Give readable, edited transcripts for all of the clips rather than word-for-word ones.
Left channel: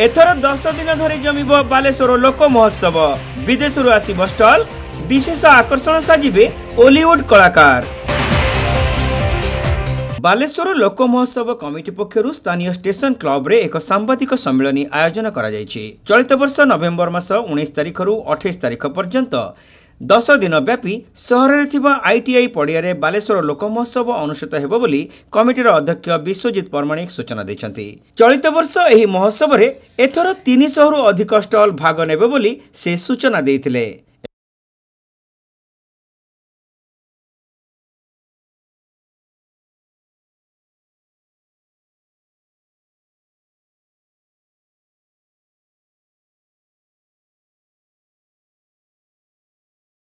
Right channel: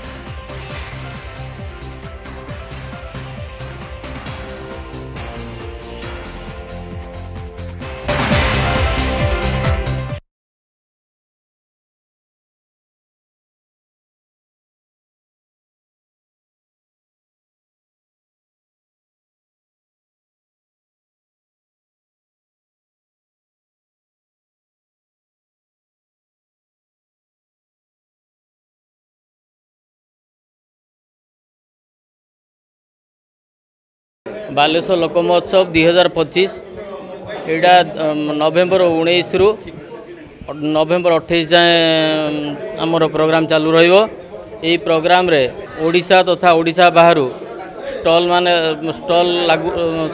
एथर 10 दिन धरी जमिब बालेश्वर लोक महोत्सव। विदेशरू आसिब स्टल, विशेष आकर्षण साजिबे हॉलीवुड कलाकार। बालेश्वर लोक महोत्सव कमिटी पक्षरु स्थानीय स्टेशन क्लब रे एक सांबादिक सम्मेलन आयोजन करा जायछि। चलित वर्ष नवेम्बर मास 19 तारिख रु 28 तारिख पर्यंत 10 दिन व्यापी सहर रे थिबा आईटीआई पड़िया रे बालेश्वर लोक महोत्सव अनुष्ठित हेबो बोली कमिटीर अध्यक्ष विश्वजित परमाणिक सूचना दैछन्ति। चलित वर्ष एही महोत्सव रे एथर 300 रु अधिक स्टल भाग नेबे बोली से सूचना दैथिले। बालेश्वर लोक महोत्सव 2025 एडा नवेम्बर 19 रु नवेम्बर 28 जाए आमर प्रोग्राम चालू रहिबो। एही प्रोग्राम रे ओडिशा तथा ओडिशा बाहरु स्टल माने स्टल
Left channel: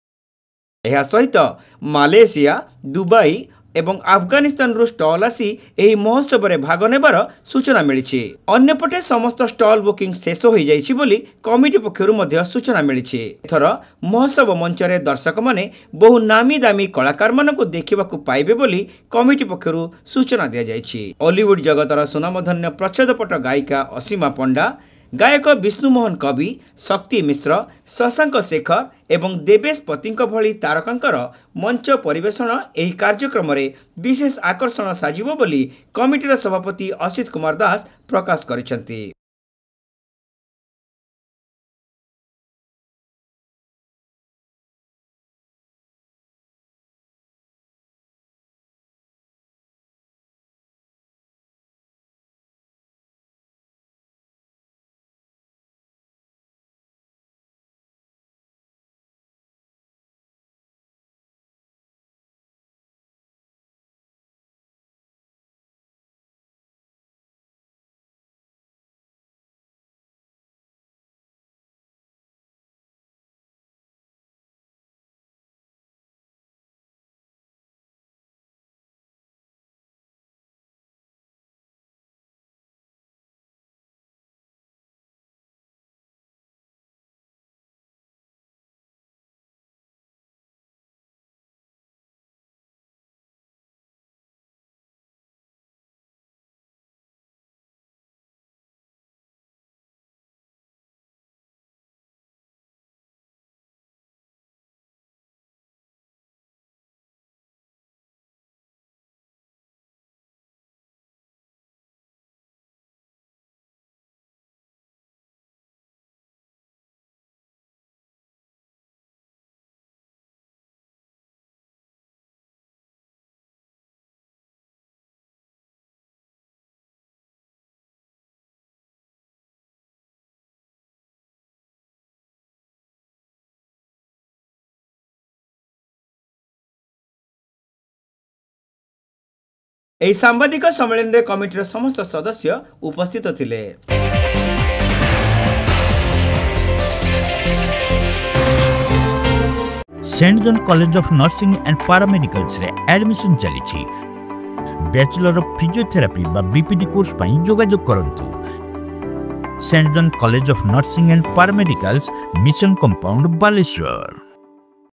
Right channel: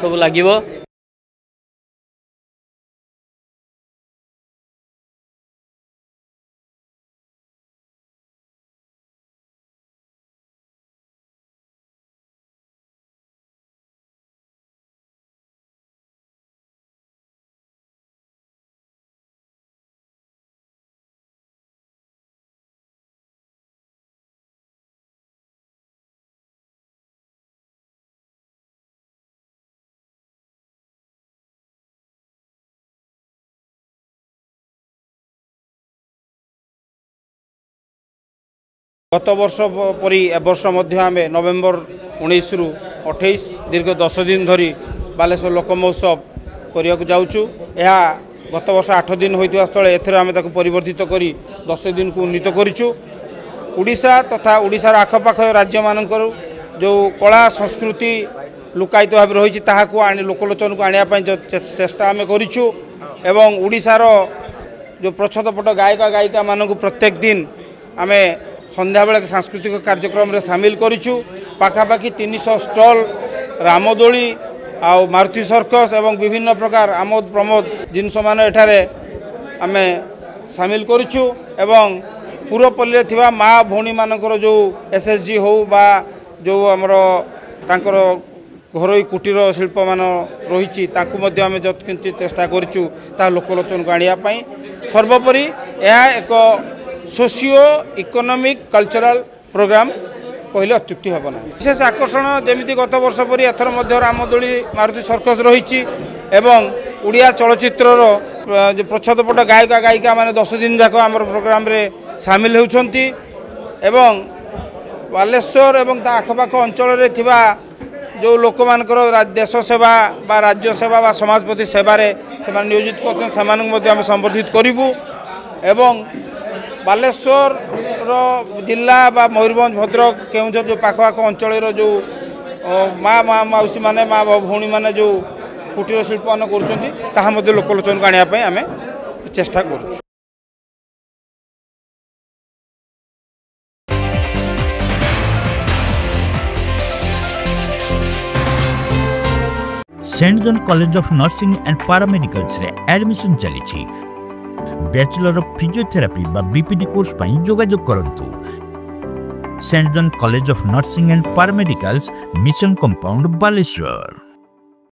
सब लागिबो। एहा सहित मालेशिया, दुबई एवं अफगानिस्तान रु स्टल आसी एही महोत्सव रे भाग नेबार सूचना मिलिछि। अन्यपटे समस्त स्टल बुकिंग शेष हो जाइछि बोली कमिटी पक्षरु मध्ये सूचना मिलिछि। एथर महोत्सव मंच रे दर्शक माने बहु नामी दामी कलाकार मानकु देखिबाकु पाइबे बोली कमिटी पक्षरु सूचना दिया जाइछि। हॉलीवुड जगतर सुनामधन्य प्रच्छदपट गायिका असीमा पंडा, गायक विष्णुमोहन कवि, शक्ति मिश्र, शशांक शेखर एवं देवेश पतिंक भली तारकांकर मंच परिवेषण एही कार्यक्रम रे विशेष आकर्षण साजिबो बोली कमिटीर सभापति असित कुमार दास प्रकाश करिसंती। गत वर्ष परि ए वर्ष मध्ये आमे नवेम्बर 19 रु 28 दीर्घ 10 दिन धरी बालेश्वर लोक महोत्सव करिया जाउछु। एहा गत वर्ष 8 दिन होइतिवा स्थले एथर आमे ताकु परिवर्तित करी 10 दिन को उन्नीत करिछु। ओडिशा तथा ओडिशार आखपाख राज्य मानकर जो कला संस्कृति लुकायित भाव रही ताकू लोकलोचन को आने चेष्टा आम करूँ एवं ओडिशार जो प्रच्छदपट गायक गायिका मानक प्रत्येक दिन आम संध्या बेले सांस्कृतिक कार्यक्रम रे सामिल करूँ। पाखापाखि 300 स्टल, रामदोली आ मारुति सर्कस एवं विभिन्न प्रकार आमोद प्रमोद जिनस मान एठारे आम सामिल करूँ एवं पूर्वपल्ली थिबा माँ भौणी मानकर जो एसएसजी हो बा जो आमर तांकर घरोई कुटीर शिल्प मान रही आम जतकिंचित चेष्टा करूँ ता लोकलोचन को आनिया पई। सर्वोपरि यह एक सोशियो इकोनॉमिक कल्चरल प्रोग्राम कहले अत्युक्ति हेब ना। विशेष आकर्षण जमी गत वर्ष परि एथर मध्य रामदोली, मारुति सर्कस रही एवं उड़िया चलचित्रर जो प्रच्छदपट गायक गायिका माने 10 दिन जाक आम प्रोग्राम रे सामिल होउछंती एवं बालेश्वर एवं आखपाख अंचल रे थिबा जो लोक मानकर देश सेवा बा राज्य सेवा बा समाजपति सेवा रे सेमान नियोजित करछन सेमानक मध्ये हम संबर्धित करिवु एवं बालेश्वर रो जिला बा मयूरभंज, भद्रक, केउंझर जो पाखपाख अंचल रो जो माँ मौसी माने माँ भौणी माने जो कुटीर शिल्प मान करुछंती ताहा मध्ये लोकलोचन को आनिया पई आमे चेष्टा करूँ। एही सांबादिक सम्मेलन रे कमिटीर समस्त सदस्य उपस्थित थिले। Saint John College of Nursing and paramedicals रे एडमिशन चली। बैचलर ऑफ फिजियोथेरापी बा बीपीडी कोर्स पई जोगाजोग करंतु। Saint John College of Nursing and paramedicals, mission compound, Baleshwar.